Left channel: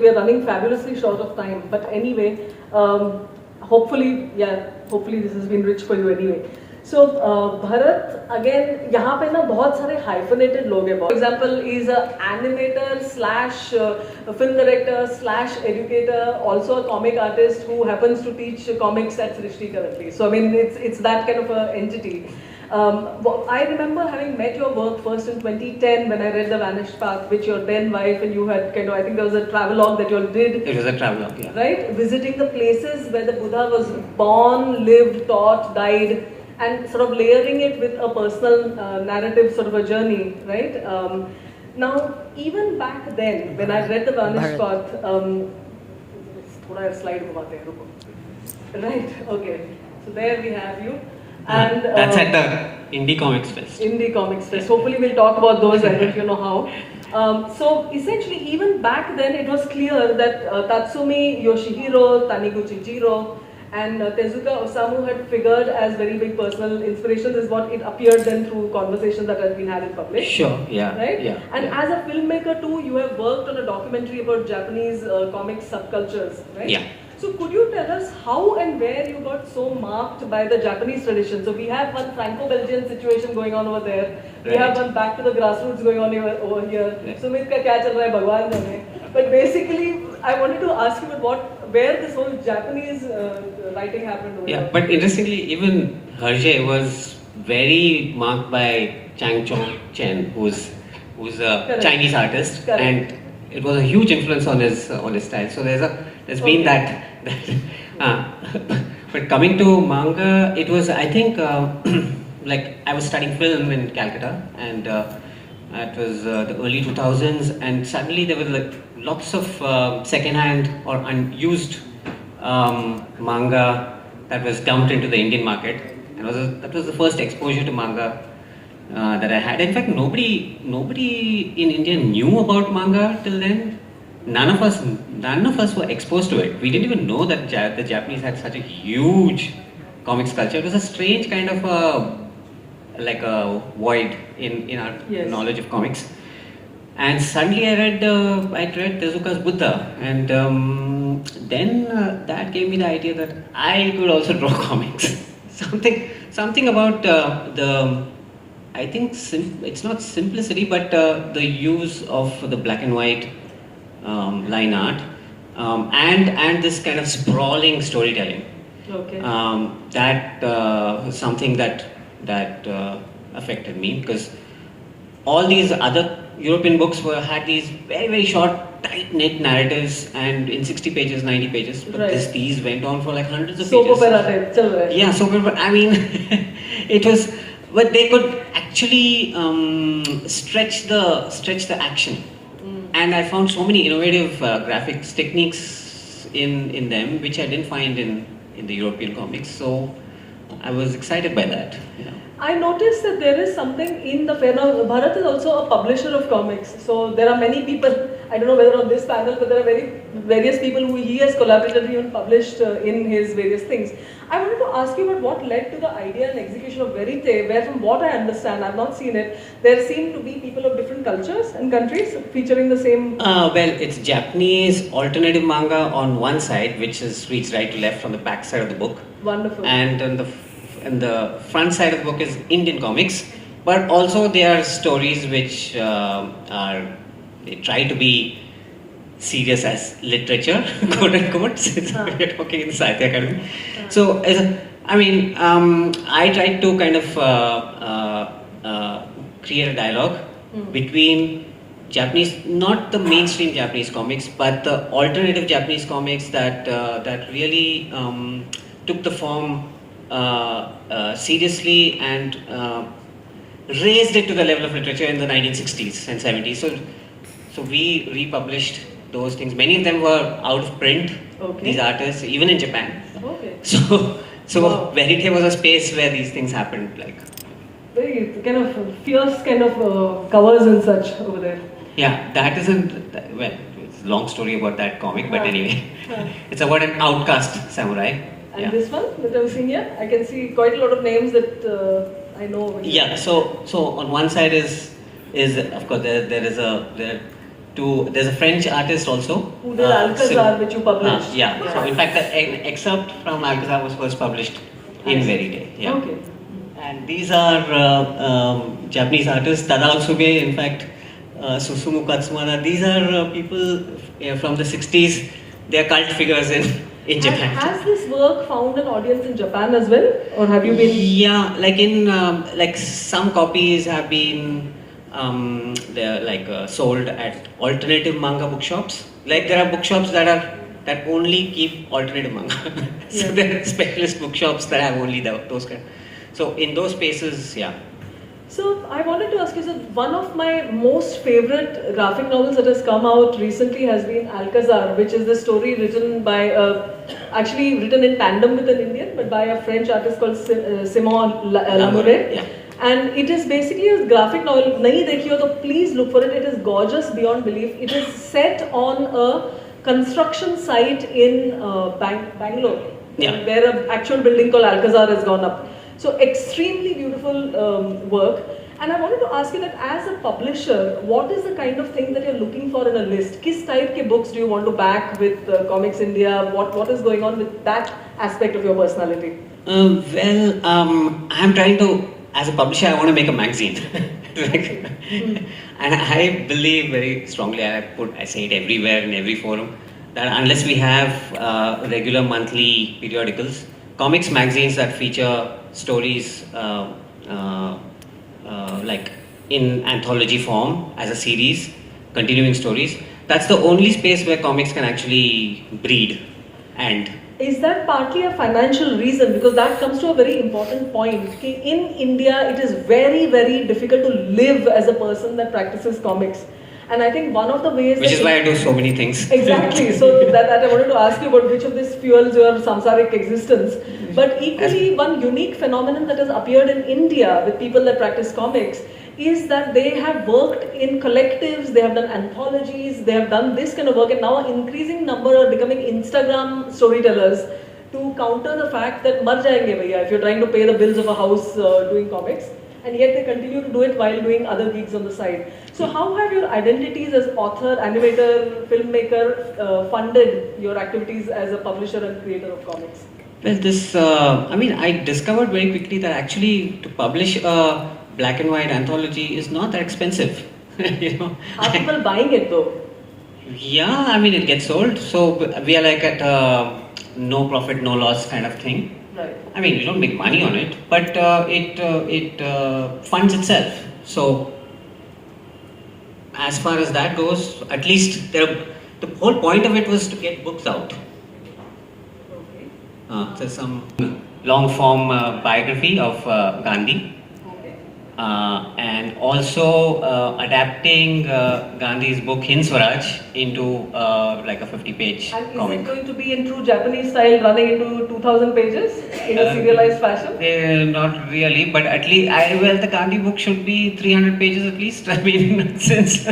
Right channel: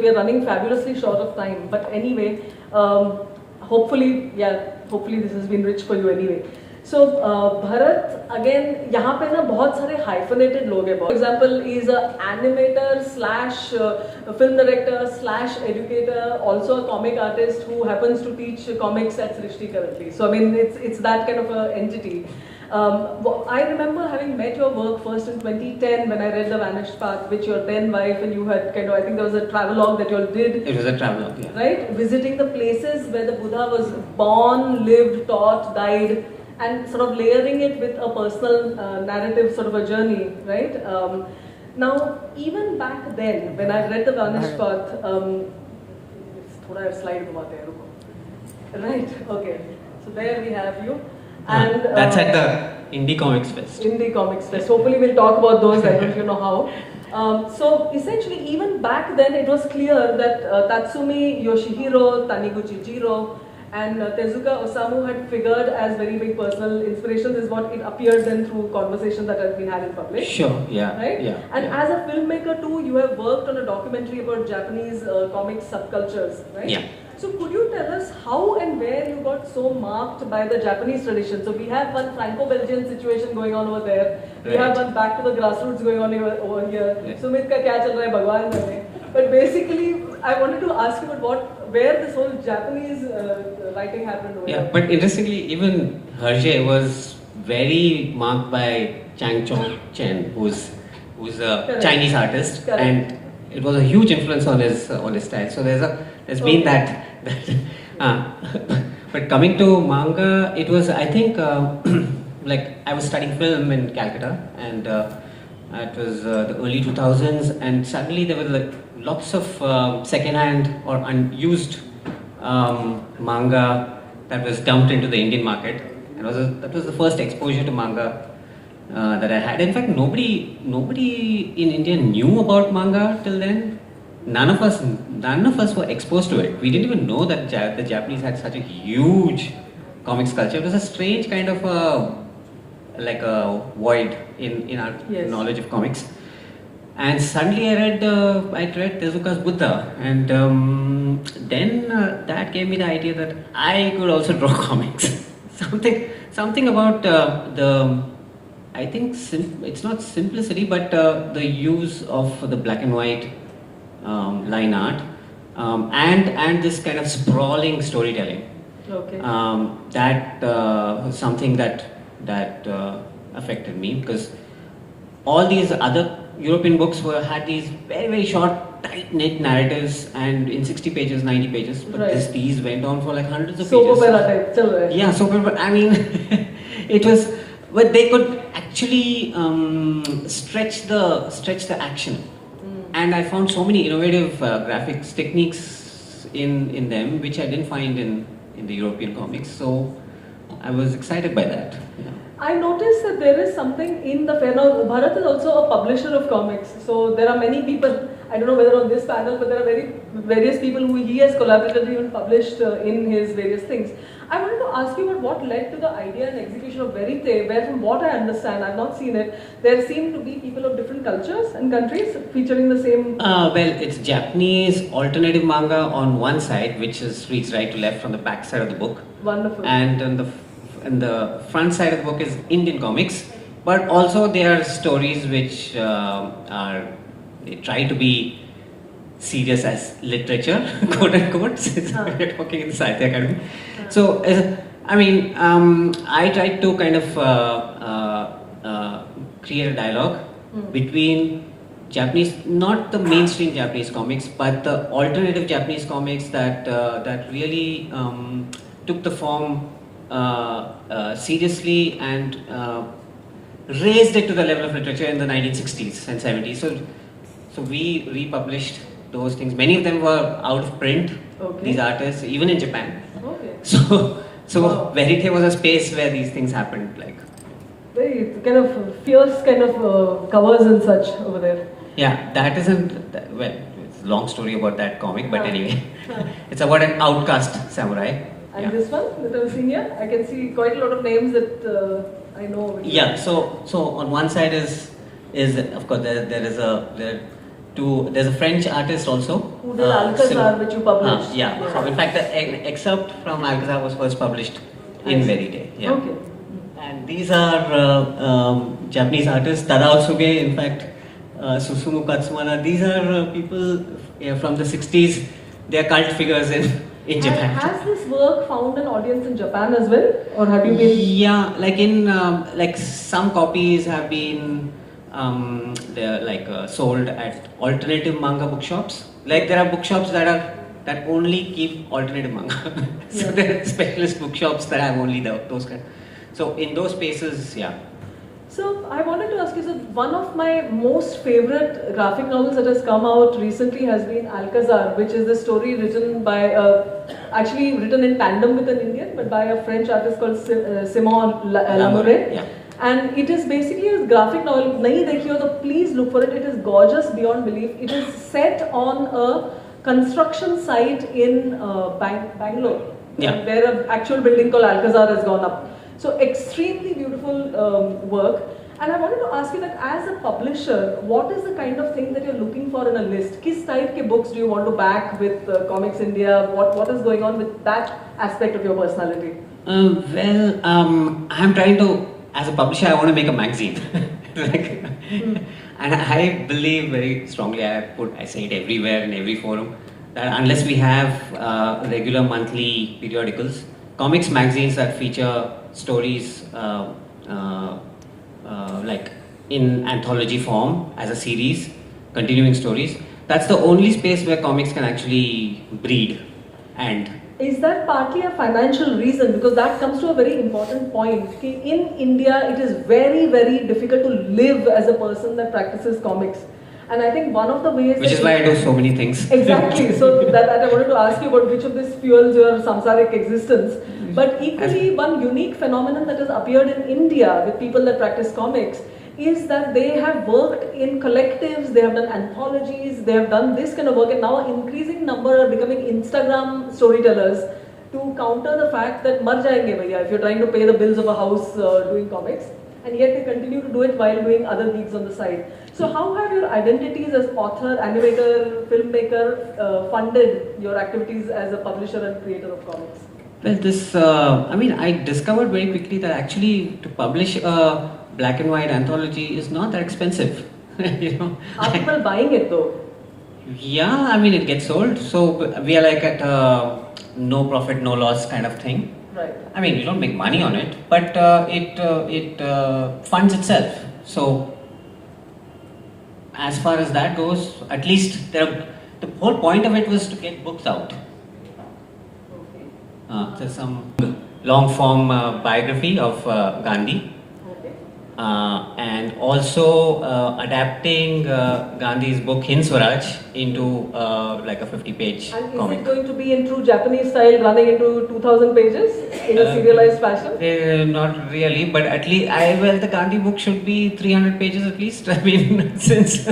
We are running fabulously short of time, but anyway, hopefully this has been rich for you anyway. So Bharat, again, यहाँ पे ना बहुत सारे hyphenated लोग हैं. For example, is a animator slash film director slash educator, also a comic artist who happens to teach comics at Srishti currently. So I mean, it's that kind of a entity. I remember having met your work first in 2010 when I read The Vanished Path, which your then wife and you had kind of, I think there was a travelogue that you all did. It was a travelogue, yeah. Right? Visiting the places where the Buddha was born, lived, taught, died, and sort of layering it with a personal narrative sort of a journey, right? Now, even back then, when I read The Vanished Path, right, okay. So there we have you. And that's at the Indie Comics Fest. Indie Comics Fest. Hopefully we'll talk about those, I don't know how. So essentially, even back then, it was clear that Tatsumi Yoshihiro, Taniguchi Jiro, and Tezuka Osamu had figured as very big personal inspirations, is what it appeared then through conversations that had been had in public. Sure, yeah. Right? Yeah. And yeah. as a filmmaker too, you have worked on a documentary about Japanese comic subcultures, right? Yeah. So could you tell us how and where you got so marked by the Japanese tradition? So we have one Franco-Belgian situation going on over there. We right. have one back to the grassroots going on over here. Right. Sumit ka kya chal raha hai, Bhagwan jane. But basically, I wanted to ask you about where this whole Japanese writing happened over Yeah, here. but interestingly, even Hergé was very marked by Chang Chong Chen, who's a Correct. Chinese artist, Correct. and it was a huge influence on his style. So there's been that. But coming to manga, it was, I think, like I was studying film in Calcutta, and it was the early 2000s, and suddenly there were like lots of second-hand or unused manga that was dumped into the Indian market. And that was the first exposure to manga that I had. In fact, nobody in India knew about manga till then. None of us were exposed to it. We didn't even know that the Japanese had such a huge comics culture. It was a strange kind of like a void in our yes. knowledge of comics. And suddenly I read Tezuka's Buddha, and then that gave me the idea that I could also draw comics. something about I think it's not simplicity, but the use of the black and white line art and this kind of sprawling storytelling. Okay. That was something that affected me, because all these other European books had these very, very short, tight-knit narratives, and in 60 pages, 90 pages. But right. These went on for like hundreds of soap pages. Opera type, chal raha hai. Yeah, soap opera. I mean, it was, but they could actually stretch the action. And I found so many innovative graphics techniques in them, which I didn't find in the European comics. So I was excited by that. Yeah. I noticed that there is something in the fair. Now, Bharat is also a publisher of comics. So there are many people, I don't know whether on this panel, but there are various people who he has collaboratively and published in his various things. I wanted to ask you about what led to the idea and execution of Verite, where from what I understand, I've not seen it, there seem to be people of different cultures and countries featuring the same... Well, it's Japanese alternative manga on one side, which reads right to left on the back side of the book. Wonderful. And on the front side of the book is Indian comics, but also there are stories which they try to be serious as literature, quote unquote, since we're talking in the Sahitya Academy. So, I tried to kind of create a dialogue between Japanese, not the mainstream Japanese comics, but the alternative Japanese comics that really took the form seriously and raised it to the level of literature in the 1960s and 70s. So we republished those things. Many of them were out of print. Okay. These artists, even in Japan. Okay. So wow. Verite was a space where these things happened. Like very kind of fierce kind of covers and such over there. Yeah, that isn't well. It's a long story about that comic, but anyway, it's about an outcast samurai. And this one that I'm seeing here, I can see quite a lot of names that I know. Yeah. So on one side is of course there there's a French artist also. Who did Alcazar, which you published. Yeah. So in fact, the excerpt from Alcazar was first published in Verite. Yeah. Okay. And these are Japanese artists, Tadao Suge, in fact, Susumu Katsumana. These are people from the 60s. They are cult figures in Japan. Has this work found an audience in Japan as well? Or have you been... Yeah, like like some copies have been they're sold at alternative manga bookshops. Like there are bookshops that only keep alternative manga. So there are specialist bookshops that have only those kind. So in those spaces, yeah. So I wanted to ask you, so one of my most favorite graphic novels that has come out recently has been Alcazar, which is the story written by, actually written in tandem with an Indian, but by a French artist called Simon Lamoureux. Yeah. And it is basically a graphic novel. Nahi dekhi ho to please look for it. It is gorgeous beyond belief. It is set on a construction site in Bangalore, where an actual building called Alcazar has gone up. So extremely beautiful work. And I wanted to ask you that as a publisher, what is the kind of thing that you're looking for in a list? Kis type ke books do you want to back with Comics India? What is going on with that aspect of your personality? I'm trying to, as a publisher, I want to make a magazine. And I believe very strongly, I say it everywhere in every forum, that unless we have regular monthly periodicals, comics magazines that feature stories like in anthology form as a series, continuing stories, that's the only space where comics can actually breed. And is that partly a financial reason? Because that comes to a very important point. In India, it is very, very difficult to live as a person that practices comics. And I think one of the ways... Which is why I do so many things. Exactly. So that I wanted to ask you about which of this fuels your samsaric existence. But equally, one unique phenomenon that has appeared in India with people that practice comics is that they have worked in collectives, they have done anthologies, they have done this kind of work, and now an increasing number are becoming Instagram storytellers to counter the fact that mar jayenge bhaiya if you're trying to pay the bills of a house doing comics, and yet they continue to do it while doing other gigs on the side. So how have your identities as author, animator, filmmaker funded your activities as a publisher and creator of comics? Well, I discovered very quickly that actually to publish a black and white anthology is not that expensive. Are people buying it though? Yeah, it gets sold. So we are like at no profit, no loss kind of thing. Right. You don't make money on it, but it funds itself. So as far as that goes, at least the whole point of it was to get books out. There's some long form biography of Gandhi. And also adapting Gandhi's book Hind Swaraj into like a 50-page comic. Is it going to be in true Japanese style, running into 2,000 pages in a serialized fashion? Not really, but at least the Gandhi book should be 300 pages at least. Since.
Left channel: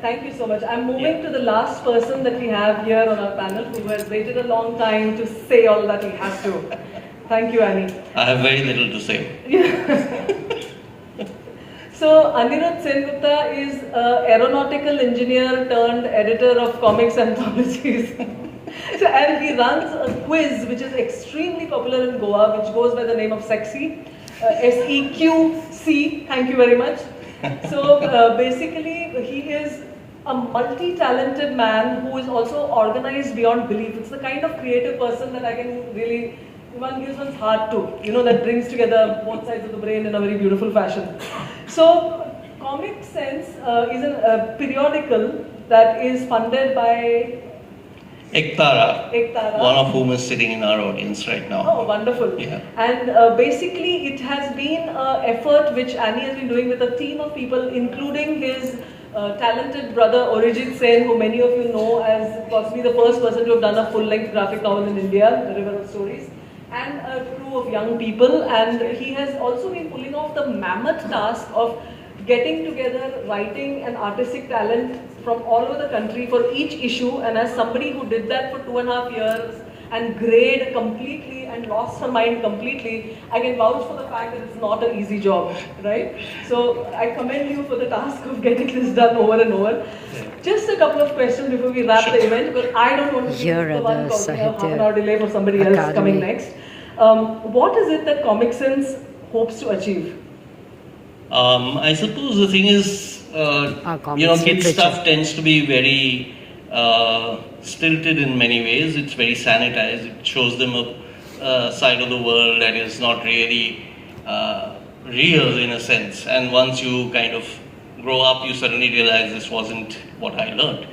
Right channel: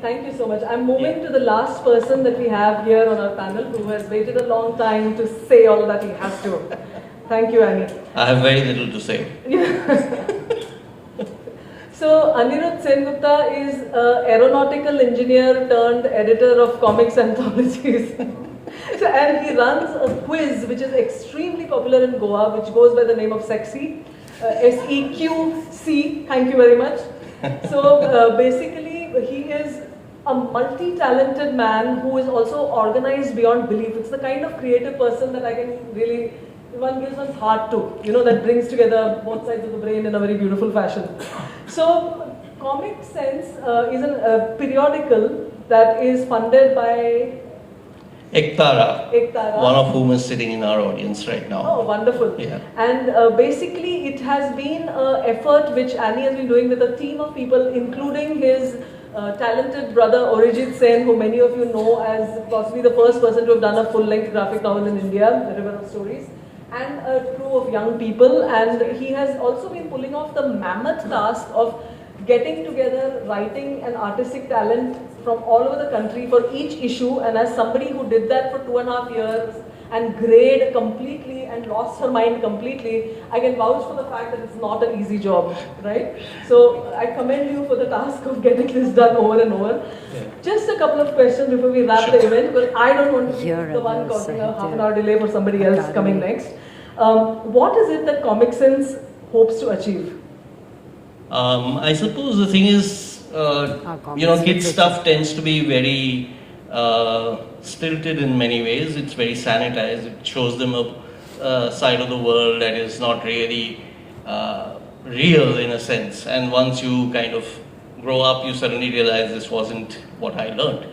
Thank you so much. I'm moving to the last person that we have here on our panel who has waited a long time to say all that he has to. Thank you, Annie. I have very little to say. So, Anirudh Sengupta is an aeronautical engineer turned editor of comics anthologies. And he runs a quiz which is extremely popular in Goa, which goes by the name of Sexy. SEQC. Thank you very much. So, basically, he is a multi-talented man who is also organized beyond belief. It's the kind of creative person that I can really... one gives one's heart to, that brings together both sides of the brain in a very beautiful fashion. So, Comic Sense is a periodical that is funded by Ektara, one of whom is sitting in our audience right now. Oh, wonderful. Yeah. And basically it has been an effort which Annie has been doing with a team of people, including his talented brother Arijit Sen, who many of you know as possibly the first person to have done a full-length graphic novel in India, The River of Stories, and a crew of young people. And he has also been pulling off the mammoth task of getting together writing and artistic talent from all over the country for each issue. And as somebody who did that for 2.5 years and grayed completely and lost her mind completely, I can vouch for the fact that it's not an easy job, right? So I commend you for the task of getting this done over and over. Just a couple of questions before we wrap the event, because I don't want to be the one causing a half an hour delay for somebody else coming next. What is it that Comic Sense hopes to achieve? I suppose the thing is, kids stuff tends to be very stilted in many ways. It's very sanitized. It shows them a side of the world that is not really real in a sense. And once you kind of grow up, you suddenly realize this wasn't what I learned.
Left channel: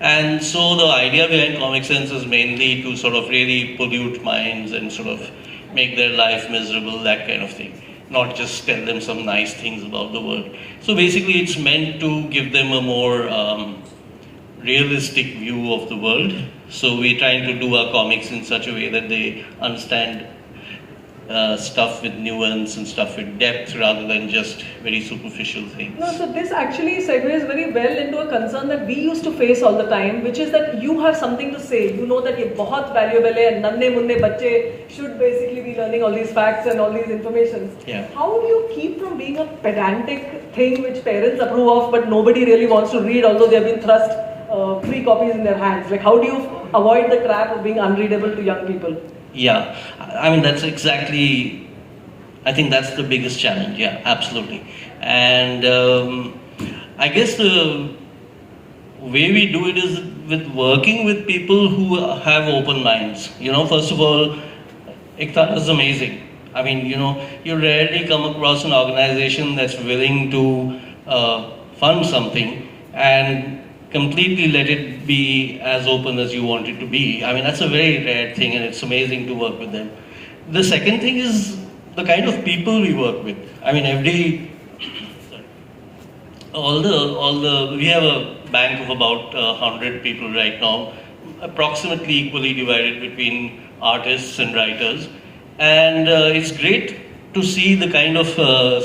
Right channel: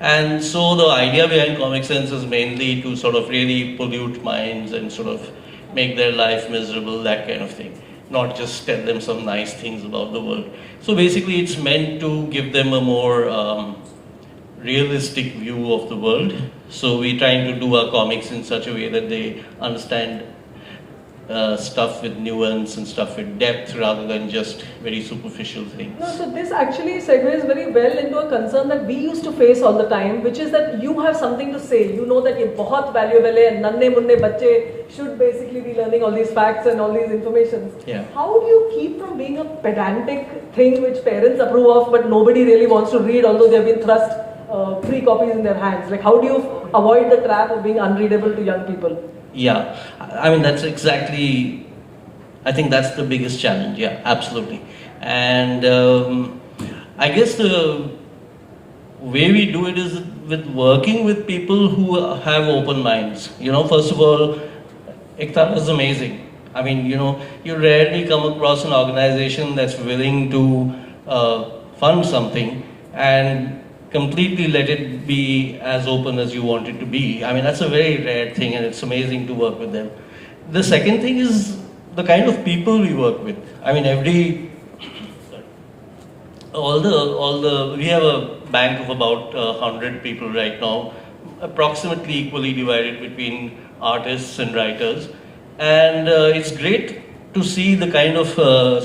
And so the idea behind Comic Sense is mainly to sort of really pollute minds and sort of make their life miserable, that kind of thing. Not just tell them some nice things about the world. So basically it's meant to give them a more realistic view of the world. So we're trying to do our comics in such a way that they understand stuff with nuance and stuff with depth rather than just very superficial things. No, so this actually segues very well into a concern that we used to face all the time, which is that you have something to say. You know that ye bahut valuable hai, and nanne munne bacche should basically be learning all these facts and all these informations. Yeah. How do you keep from being a pedantic thing which parents approve of but nobody really wants to read, although they have been thrust 3 copies in their hands? Like, how do you avoid the trap of being unreadable to young people? Yeah, I mean, that's exactly, I think that's the biggest challenge, yeah, absolutely. And I guess the way we do it is with working with people who have open minds. First of all, Iktara is amazing. I mean, you rarely come across an organization that's willing to fund something and completely let it be as open as you want it to be. I mean, that's a very rare thing, and it's amazing to work with them. The second thing is the kind of people we work with. I mean, we have a bank of about 100 people right now, approximately equally divided between artists and writers. And it's great to see the kind of the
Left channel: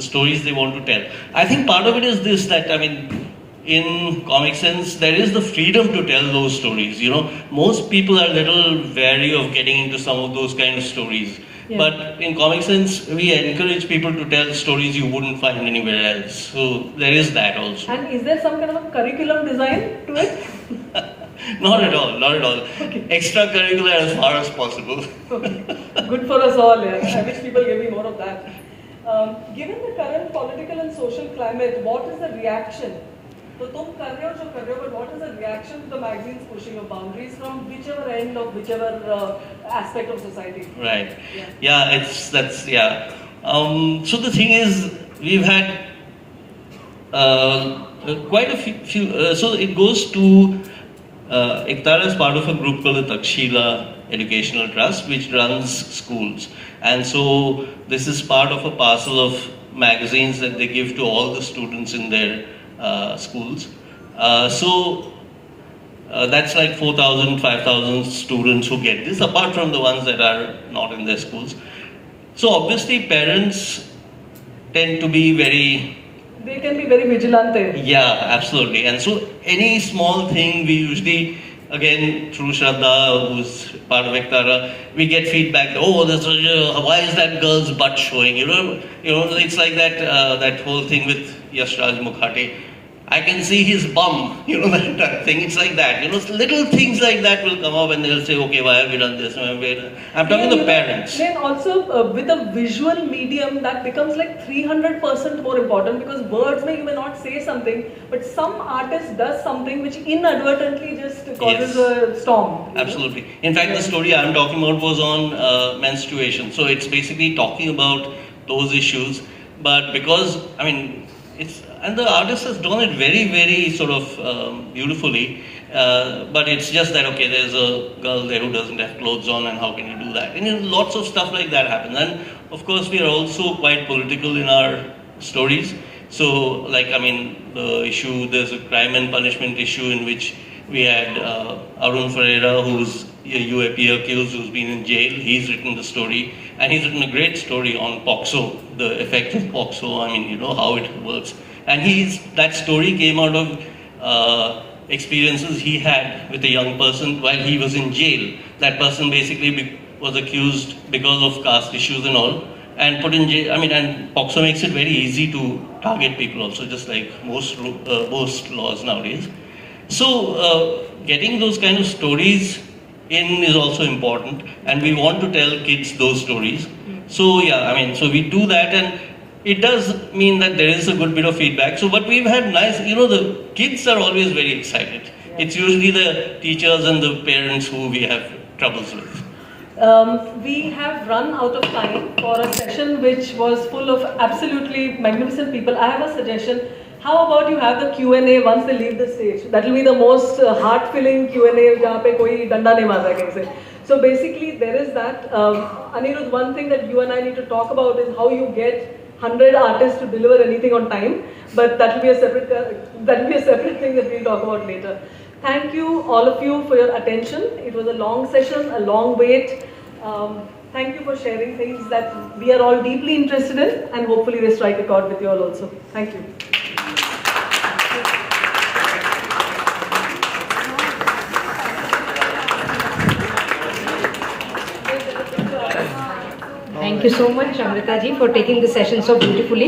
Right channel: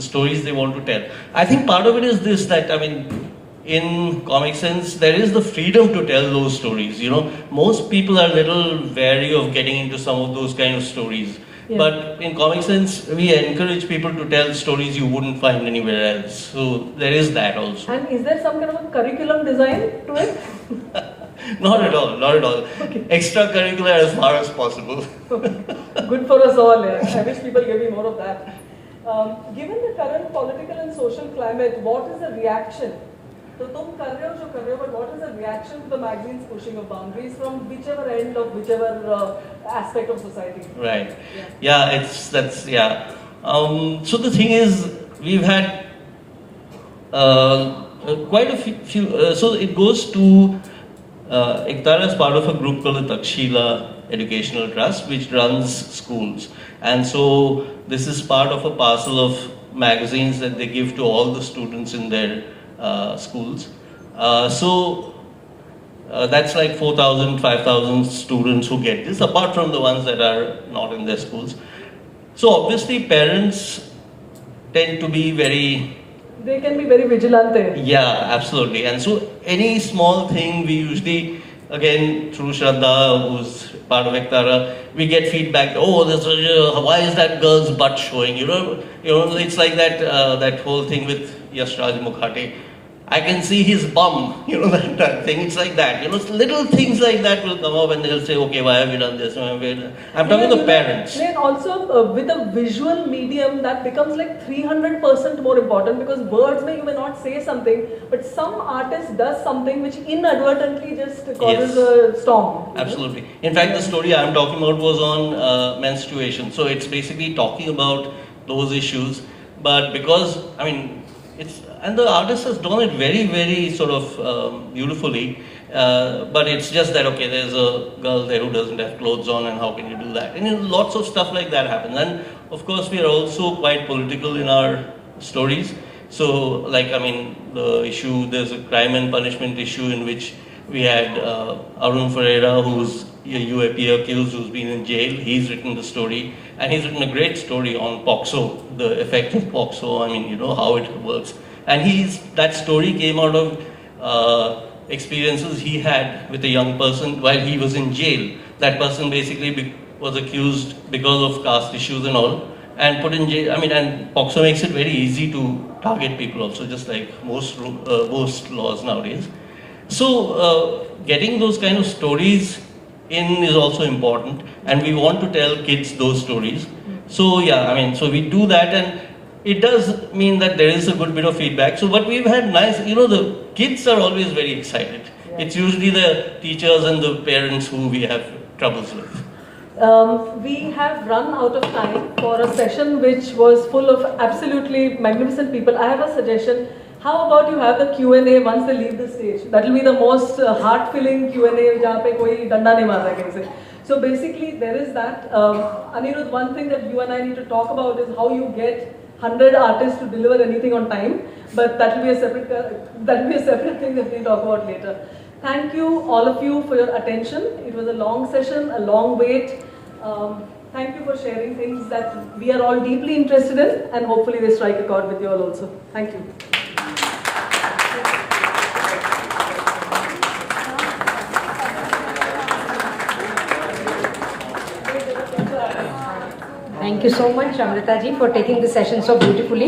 stories they want to tell. I think part of it is this, that, I mean, in Comic Sense, there is the freedom to tell those stories. Most people are a little wary of getting into some of those kind of stories. Yeah. But in Comic Sense, we encourage people to tell stories you wouldn't find anywhere else. So there is that also. And is there some kind of a curriculum design to it? Not at all, not at all. Okay. Extracurricular as far as possible. Okay. Good for us all, yeah. I wish people gave me more of that. Given the current political and social climate, what is the reaction? So, तुम कर रहे हो जो कर रहे हो, but what is the reaction to the magazine's pushing of boundaries from whichever end of whichever aspect of society? Right. Yeah, so the thing is, we've had quite a few. So it goes to Iktara is part of a group called the Takshila Educational Trust, which runs schools, and so this is part of a parcel of magazines that they give to all the students in their schools. So that's like 4,000, 5,000 students who get this, apart from the ones that are not in their schools. So obviously parents tend to be they can be very vigilante. Yeah, absolutely. And so any small thing, we usually, again, through Shraddha, who's part of Iktara, we get feedback, why is that girl's butt showing? It's like that whole thing with Yashraj Mukhate. I can see his bum, that thing. It's like that. Little things like that will come up and they'll say, okay, why have we done this? I'm talking to parents. Then also with a visual medium, that becomes like 300% more important, because words you may not say something, but some artist does something which inadvertently just causes a storm. Absolutely. In fact, the story I'm talking about was on menstruation. So it's basically talking about those issues. But because, and the artist has done it very, very sort of beautifully, but it's just that, okay, there's a girl there who doesn't have clothes on, and how can you do that? And lots of stuff like that happens. And of course, we are also quite political in our stories. So, the issue, there's a crime and punishment issue in which we had Arun Ferreira, who's a UAP accused, who's been in jail. He's written the story, and he's written a great story on POXO, the effect of POXO, how it works. And that story came out of experiences he had with a young person while he was in jail. that person basically was accused because of caste issues and all, and put in jail. I mean, and POCSO makes it very easy to target people also, just like most laws nowadays. So getting those kind of stories in is also important, and we want to tell kids those stories. So yeah, I mean, so we do that, and it does mean that there is a good bit of feedback. So, but we've had nice, the kids are always very excited. Yeah. It's usually the teachers and the parents who we have troubles with. We have run out of time for a session which was full of absolutely magnificent people. I have a suggestion. How about you have the Q&A once they leave the stage? That will be the most heart-filling Q&A जहाँ पे कोई डंडा नहीं मारता कहीं से. So basically there is that. Anirudh, one thing that you and I need to talk about is how you get 100 artists to deliver anything on time. But that will be a separate thing that we'll talk about later. Thank you all of you for your attention. It was a long session, a long wait. Thank you for sharing things that we are all deeply interested in, and hopefully they strike a chord with you all also. Thank you. Thank you so much, Amruta ji, for taking the session so beautifully.